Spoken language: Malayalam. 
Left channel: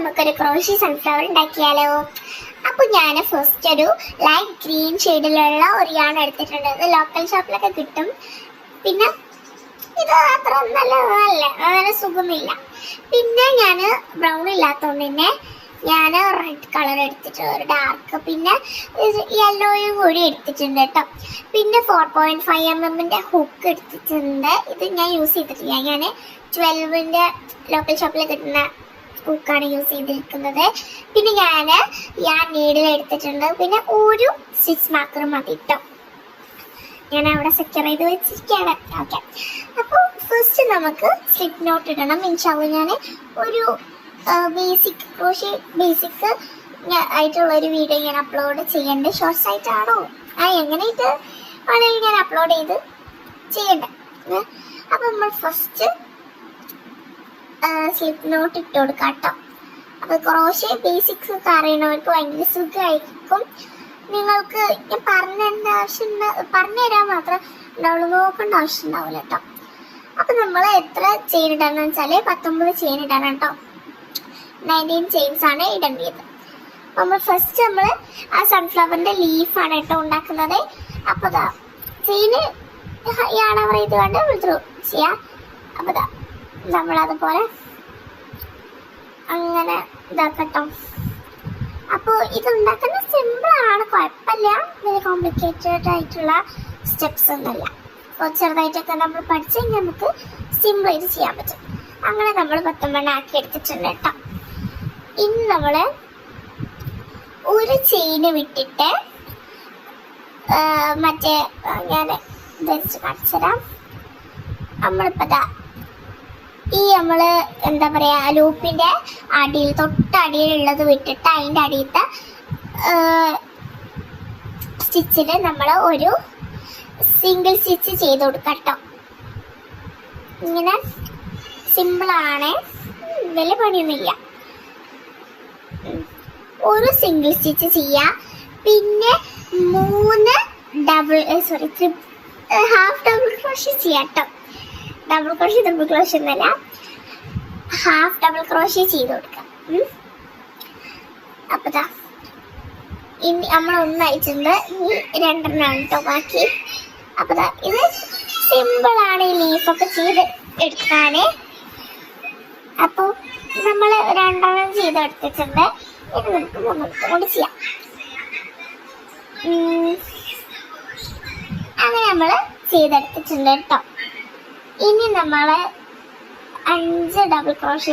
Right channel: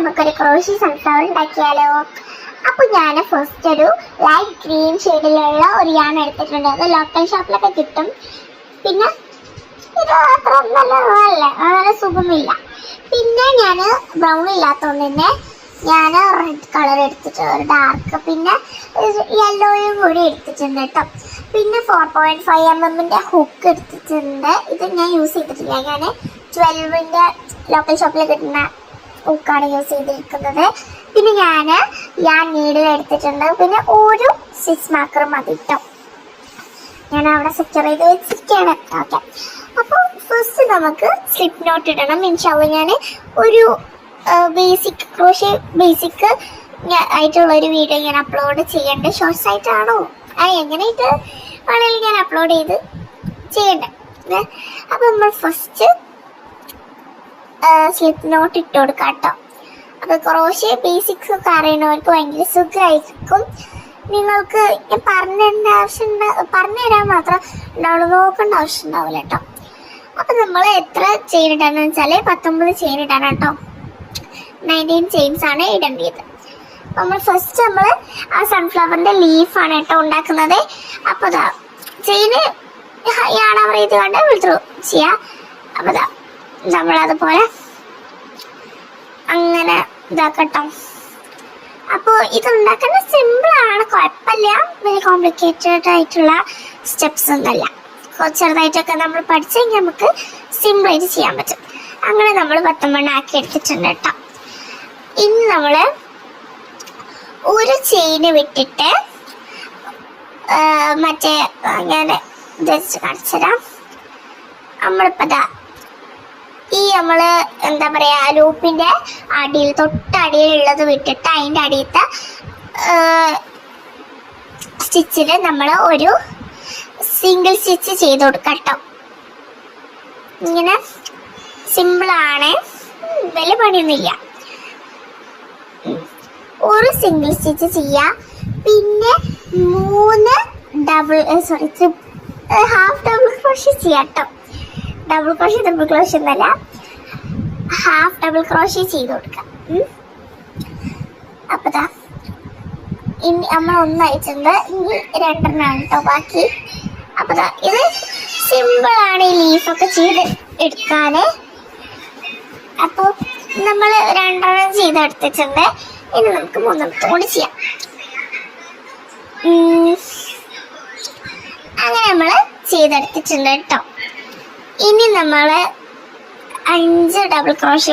നമുക്കൊരു ക്രോഷി സൺഫ്ലവർ ഉണ്ടാക്കിയാലോ? അപ്പൊ ഞാൻ ഫസ്റ്റ് ഒരു ലൈറ്റ് ഗ്രീൻ ഷെയ്ഡിലുള്ള ഒരു യാൺ എടുത്തിട്ടുണ്ട്. അത് ലോക്കൽ ഷോപ്പിലൊക്കെ കിട്ടും. പിന്നെ ഇത് അത്ര നല്ല സുഖമില്ല. പിന്നെ ഞാൻ ബ്രൗൺ ഇല്ലാത്തതുകൊണ്ട് തന്നെ ഞാൻ റെഡ് കളർ എടുത്തിട്ടുണ്ട്, ഒരു ഡാർക്ക്. പിന്നെ യെല്ലോയും കൂടി എടുത്തിട്ടുണ്ട് കേട്ടോ. പിന്നെ 4.5 mm ഹുക്ക് എടുത്തിട്ടുണ്ട്. ഇത് ഞാൻ യൂസ് ചെയ്തിട്ടില്ല. ഞാൻ 12 ലോക്കൽ ഷോപ്പിൽ കിട്ടുന്ന ഹുക്കാണ് യൂസ് ചെയ്തിരിക്കുന്നത്. പിന്നെ ഞാൻ നീഡിൽ എടുത്തിട്ടുണ്ട്. പിന്നെ ഒരു സ്റ്റിച്ച് മാർക്കർ മതി കേട്ടോ. ഞാൻ അവിടെ സെക്യൂർ ചെയ്ത് വെച്ചിരിക്കുകയാണ്. ഓക്കെ, അപ്പോൾ ഫസ്റ്റ് നമുക്ക് സ്ലിപ്പ് നോട്ട് ഇടണം. ഇൻഷാല്ല ഞാൻ ഒരു ബേസിക് ക്രോഷേ ബേസിക് ആയിട്ടുള്ളൊരു വീഡിയോ ഞാൻ അപ്ലോഡ് ചെയ്യേണ്ടത്. ഷോർട്സ് ആയിട്ടാണോ എങ്ങനെയായിട്ട് വേണമെങ്കിൽ ഞാൻ അപ്ലോഡ് ചെയ്ത് ചെയ്യണ്ടേ. അപ്പം നമ്മൾ ഫസ്റ്റ് സ്ലിപ്പ് നോട്ട് ഇട്ട് കൊടുക്കാം കേട്ടോ. അപ്പോൾ ക്രോഷേ ബേസിക്സ് ഒക്കെ അറിയണവർക്ക് ഭയങ്കര സുഖമായിരിക്കും. നിങ്ങൾക്ക് പറഞ്ഞു തരാൻ മാത്രം ഉണ്ടാവുള്ളൂ, നോക്കേണ്ട ആവശ്യം ഉണ്ടാവില്ല കേട്ടോ. അപ്പം നമ്മൾ എത്ര ചെയിൻ ഇടാന്ന് വെച്ചാൽ 19 ചെയിൻ ഇടാൻ കേട്ടോ. 19 ചെയിൻസ് ആണ് ഇടേണ്ടത്. നമ്മൾ ഫസ്റ്റ് ആ സൺഫ്ലവറിന്റെ ലീഫാണ് കേട്ടോ ഉണ്ടാക്കുന്നത്. അപ്പോൾ ചെയിന് യാണവർ ഇത് കൊണ്ട് വിളിച്ചു ചെയ്യാം. അപ്പോൾ നമ്മളതുപോലെ അങ്ങനെ ഇതാക്കട്ടോ. അപ്പോൾ ഇതുണ്ടാക്കാൻ സിമ്പിളാണ്, കുഴപ്പമില്ല. വലിയ കോംപ്ലിക്കേറ്റഡ് ആയിട്ടുള്ള സ്റ്റെപ്സ് ഒന്നുമല്ല. ചെറുതായിട്ടൊക്കെ നമ്മൾ പഠിച്ചു കഴിഞ്ഞാൽ നമുക്ക് സിമ്പിളായിട്ട് ചെയ്യാൻ പറ്റും. അങ്ങനെ നമ്മൾ 19 ആക്കി എടുത്തിട്ടുണ്ട് കേട്ടോ. ഇനി നമ്മൾ ഒരു ചെയിന് വിട്ടിട്ട് മറ്റേ ഞാൻ ഇത് കാണിച്ചു തരാം. നമ്മളിപ്പോൾ നമ്മൾ എന്താ പറയുക, ലൂപ്പിൻ്റെ അടിയിൽ തൊട്ടടിയിലുള്ളത് വിട്ടിട്ട് അതിൻ്റെ അടിയത്തെ സ്റ്റിച്ചിൽ നമ്മൾ ഒരു സിംഗിൾ സ്റ്റിച്ച് ചെയ്ത് കൊടുക്കാം കേട്ടോ. ഇങ്ങനെ സിമ്പിളാണ്, വലിയ പണിയൊന്നുമില്ല. ഒരു സിംഗിൾ സ്റ്റിച്ച് ചെയ്യുക. പിന്നെ 3 ഹാഫ് ഡബിൾ ക്രോഷേ ചെയ്യാം കേട്ടോ. ഡബിൾ ക്രോഷേ എന്നല്ല, ഹാഫ് ഡബിൾ ക്രോഷേ ചെയ്ത് കൊടുക്കാം. അപ്പോൾ ഇനി നമ്മൾ ഒന്നയച്ചിട്ടുണ്ട്, ഇനി 2 കേട്ടോ ബാക്കി. അപ്പോൾ ഇത് സിമ്പിളാണ് ഈ ലീഫൊക്കെ ചെയ്ത് എടുക്കാൻ. അപ്പോൾ നമ്മൾ 2 ചെയ്തെടുത്തിട്ടുണ്ട്. ഇനി നമുക്ക് 3 കൂടി ചെയ്യാം. അങ്ങനെ നമ്മൾ ചെയ്തെടുത്തിട്ടുണ്ട് കേട്ടോ. ഇനി നമ്മൾ 5 ഡബിൾ ക്രോഷേ